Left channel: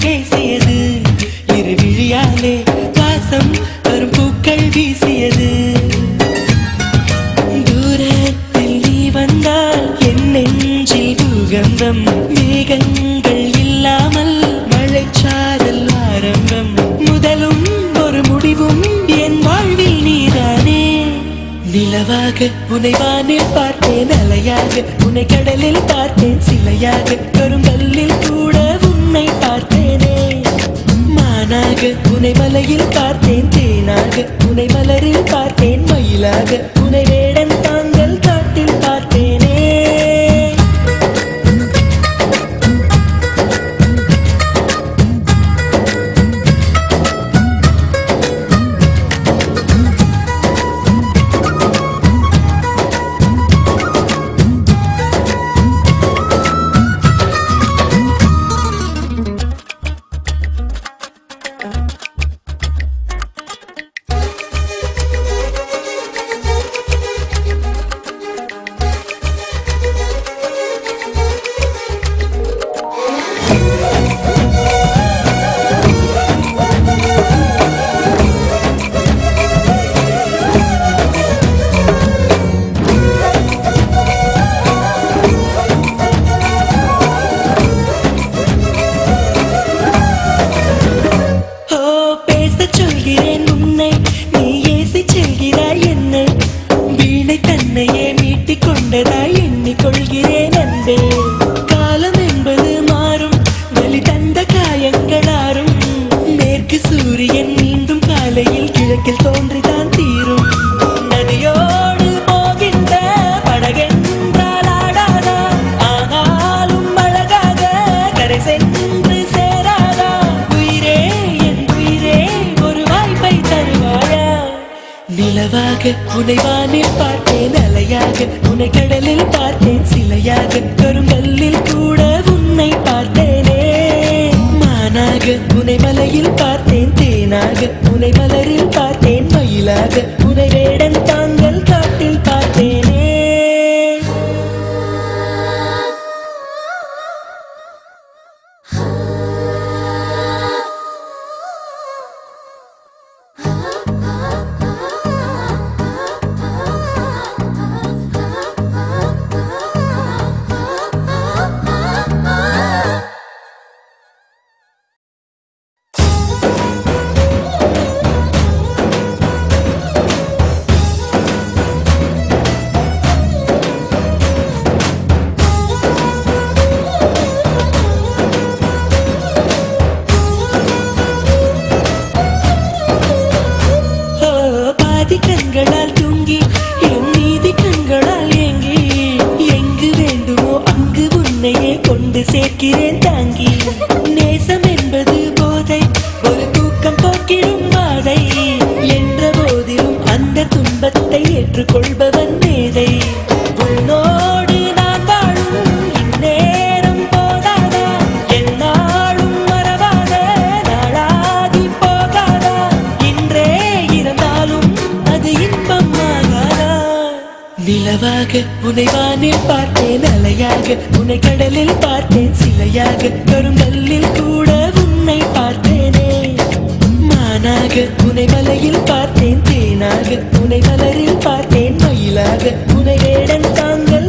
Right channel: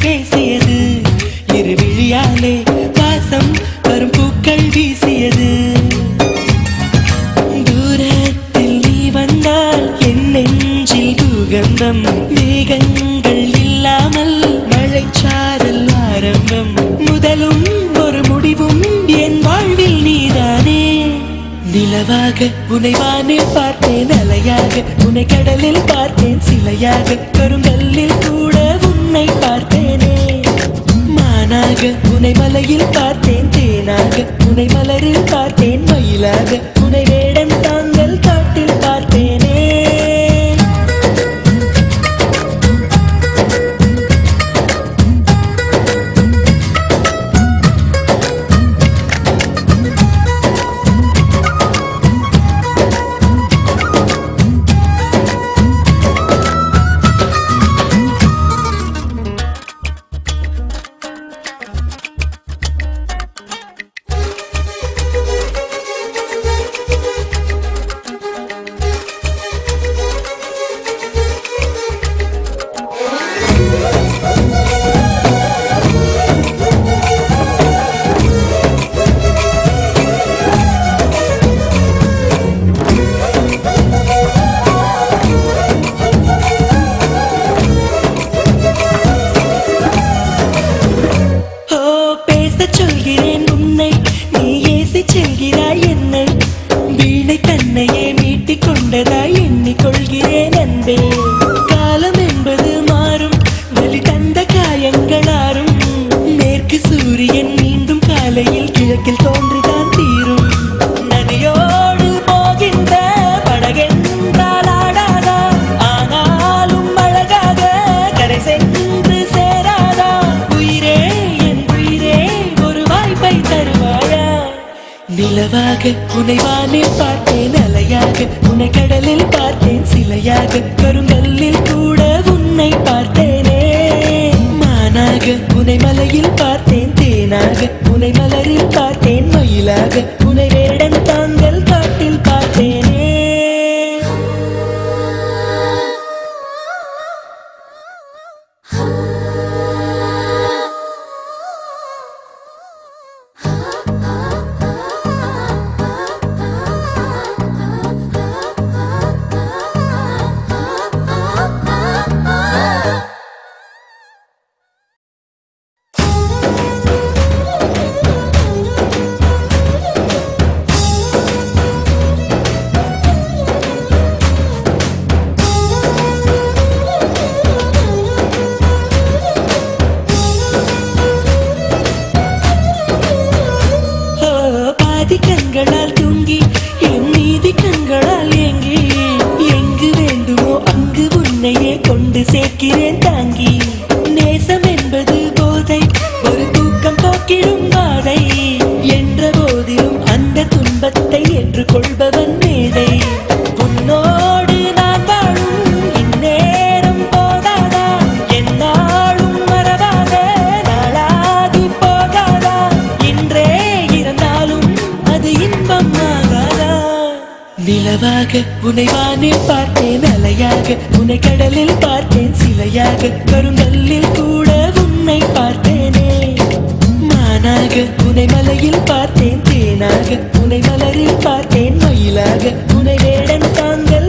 பேசியது இரு விழியாலே வாசம் வரும் பூக்கள் வீசியது தூரத்தில் நீ வந்தால் என் நெஞ்சில் பூகம்பம் மேகங்கள் இல்லாமல் மழைச்சாரல் ஆரம்பம் முதலும் ஒரு முடிவும் என் வாழ்வில் நீதானே நிலவாக உன்னை வானில் பார்த்தேன் அலையாக உன்னை கடலில் பார்த்தேன் சிலையாக கருங்கல்லில் கூட உன்னை பார்த்தேனே மானாக உன்னை மலையில் பார்த்தேன் தேனாக உன்னை மலரில் பார்த்தேன் மயிலாக உன்னை வேடன் தாங்கள் காட்டில் பார்த்தேனே சொல்கிறேன் உன்னை நீ ஏசி செல்கிறாய் என்னை வீணை தன்னையே மீட்டிக் கொண்டதாய் எண்ணிக்கொள்கிறேன் அன்பே காலம் என்பது மாறும் வலி தந்த காயங்களாரும் மேற்கு சூரியன் மீண்டும் காலையில் கிழக்கில் தோன்றிதான் தீரும் நதியோடு போகின்ற படகென்றால் ஆடாதா ஆனாலும் அழகாக கரை சென்று சேராதா உயிரே என் உயிரே ஒரு வாய்ப்பை தருவாயா நிலவாக உன்னை வானில் பார்த்தேன் அலையாக உன்னை கடலில் பார்த்தேன் சிலையாக கருங்கல்லில் கூட உன்னை பார்த்தேனே மானாக உன்னை மலையில் பார்த்தேன் தேனாக உன்னை மலரில் பார்த்தேன் மயிலாக உன்னை வேடன் தாங்கள் காட்டில் பார்த்தேனே கண்களால் தூங்கி என் நீதி கண்களால் ஏங்கி எங்கு வேண்டுமோ அங்கு உன்னையே கொண்டு சேர்க்கிறேன் தாங்கி நேசம் என்பது போதை ஒரு தூக்கம் போக்கிடும் பாதை என்ற போதிலும் அந்த துன்பத்தை ஏற்றுக்கொள்பவன் மேதை உன்னோடு நான் வாழும் இந்நேரம் போதாதா என்னாலும் மறவாத நாளாகி போகாதா இன்றே இருந்தாலும் அது இன்பமாகாதா நிலவாக உன்னை வானில் பார்த்தேன் அலையாக உன்னை கடலில் பார்த்தேன் சிலையாக கருங்கல்லில் கூட உன்னை பார்த்தேனே மானாக உன்னை மலையில் பார்த்தேன் தேனாக உன்னை மலரில் பார்த்தேன் மயிலாக உன்னை வேடன் தாங்கள்